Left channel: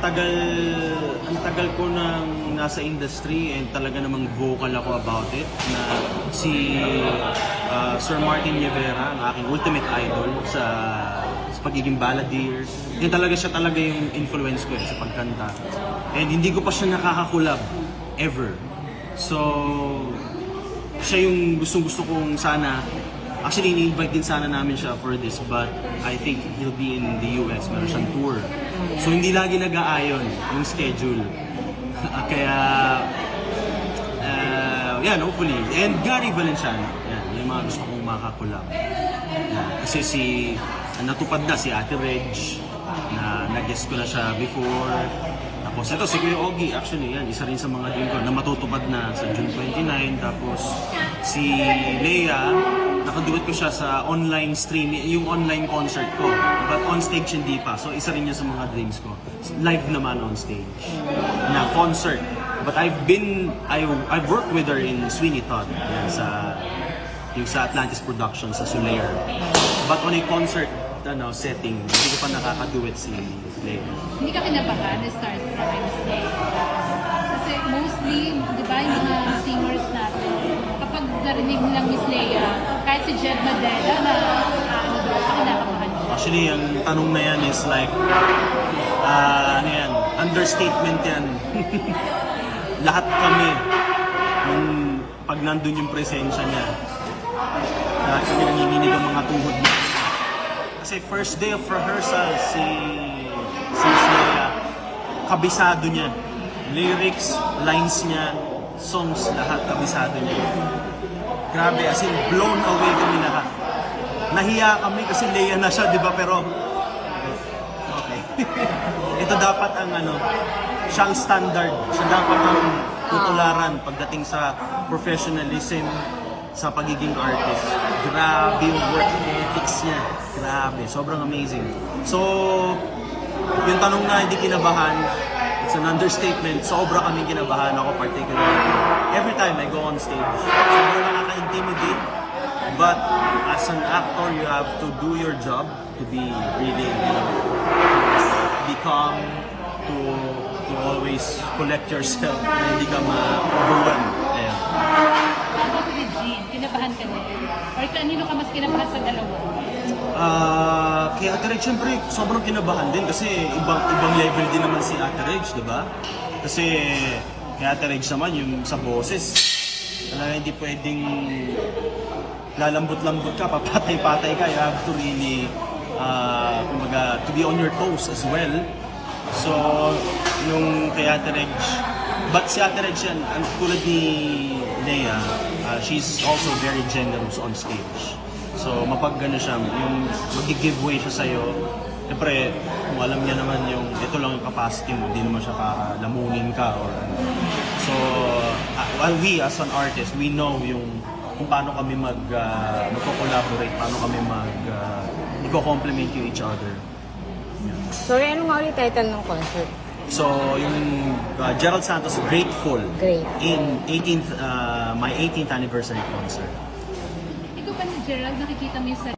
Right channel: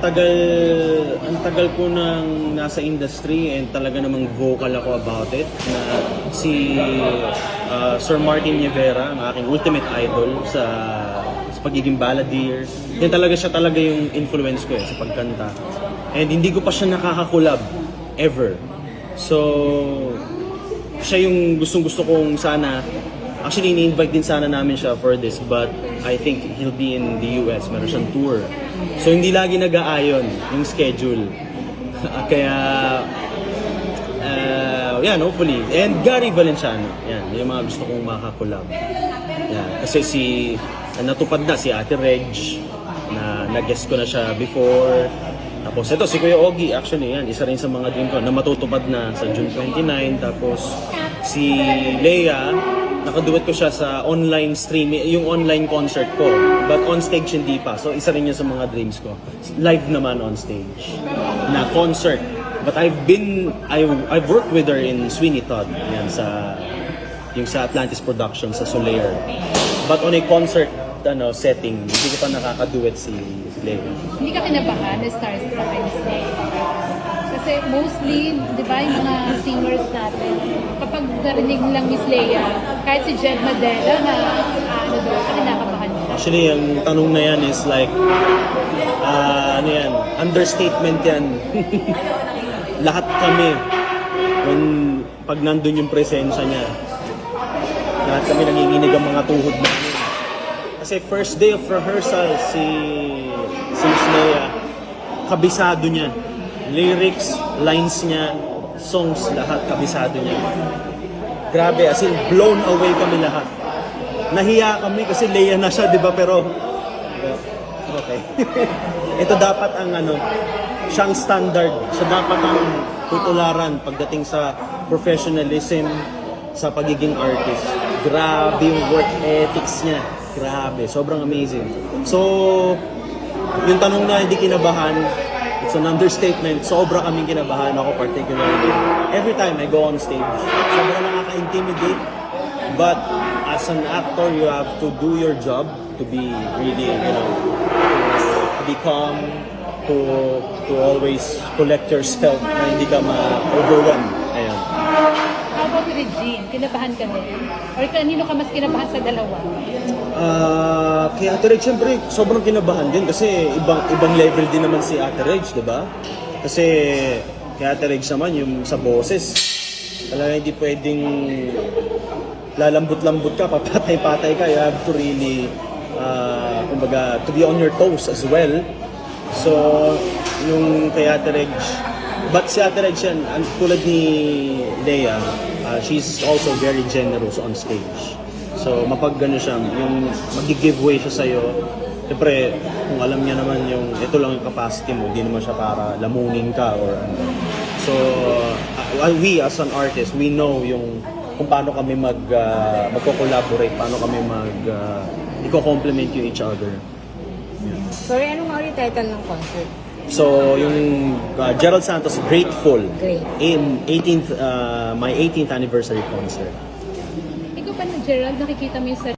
Ang tagal ko nang nasa industry and talaga namang vocal ako about it na si Sir Martin Nievera, ang aking ultimate idol sa pagiging balladeer. Yan talaga siya yung influence ko sa pagkanta. And hindi ko pa siya nakakakulab ever. So, siya yung gustong-gusto kong sana. Actually, ini-invite din sana namin siya for this, but I think he'll be in the US. Meron siyang tour. So, hindi lagi nag-aayon yung schedule. Kaya, yan, hopefully. And Gary Valenciano, yan, yung mga gusto kong makakulab. Yan, kasi natupad na si Ate Reg, na nag-guest ko na siya before. Tapos ito, si Kuya Ogie, actually, yan, isa rin sa mga dream ko na matutupad na sa June 29. Tapos, si Leia, nakaduet ko siya sa online streaming, yung online concert ko. But on stage hindi pa. So isa rin niya sa mga dreams ko. Live naman on stage. Na concert. But I've worked with her in Sweeney Todd. Yan yung sa Atlantis Production sa Soler. But on a concert setting, hindi ko pa nakakaduet si Leia. Hindi ka kinabahan na stars sa Wednesday? Kasi mostly, di ba, yung mga singers natin, kapag narinig nilang Miss Leia, kahit si Jed Madera na kinakabahan siya. Actually, ang tanong na yan is like, understatement yan. Lahat kami, pag nandun yung presensya niya, lahat kami nanginginig ang mga tuhod namin. Kasi first day of rehearsal, si Miss Leia, kabisado niya. Lyrics, lines niya, songs, lahat kabisado niya. Grabe, as in blown away kami lahat. Nahiya kami kasi Leia na siya, di ba? Pero, okay. Ito dapat ang siyang standard. Siya dapat ang tutularan pagdating sa professionalism sa pagiging artist. Grabe yung work ethics niya. Grabe, sobrang amazing. So, yung tanong na hindi kinabahan, it's an understatement. Sobra kaming kinabahan ako particularly. Every time I go on stage, sobrang nakaka-intimidate. But as an actor, you have to do your job to be really, to be calm, to always collect yourself na hindi ka ma-overwhelm. Ayan. About Regine, kinabahan ka rin? Or kanino ka mas kinabahan sa dalawa? Kay Ate Reg, syempre, sobrang kinabahan din kasi ibang level din naman si Ate Reg, di ba? Kasi kay Ate Reg naman, yung sa boses, talaga hindi pwedeng lalambot-lambot ka, papatay-patay ka. You have to really, kumbaga, to be on your toes as well. So, yung kay Ate Reg, but si Ate Reg yan, tulad ni Leia, she's also very generous on stage. So, mapag-gano siya, yung mag-giveaway siya sa'yo, siyempre, kung alam niya naman yung, ito lang yung capacity mo, hindi naman siya para lamunin ka or ano. So, we as an artist, we know yung kung paano kami magko-collaborate, paano kami i-complement you each other. Yeah. Sorry, ano nga ulit title ng concert? So, yung Gerald Santos, Grateful, Great. In my 18th anniversary concert. Ikaw pa na Gerald, nakikita mo yung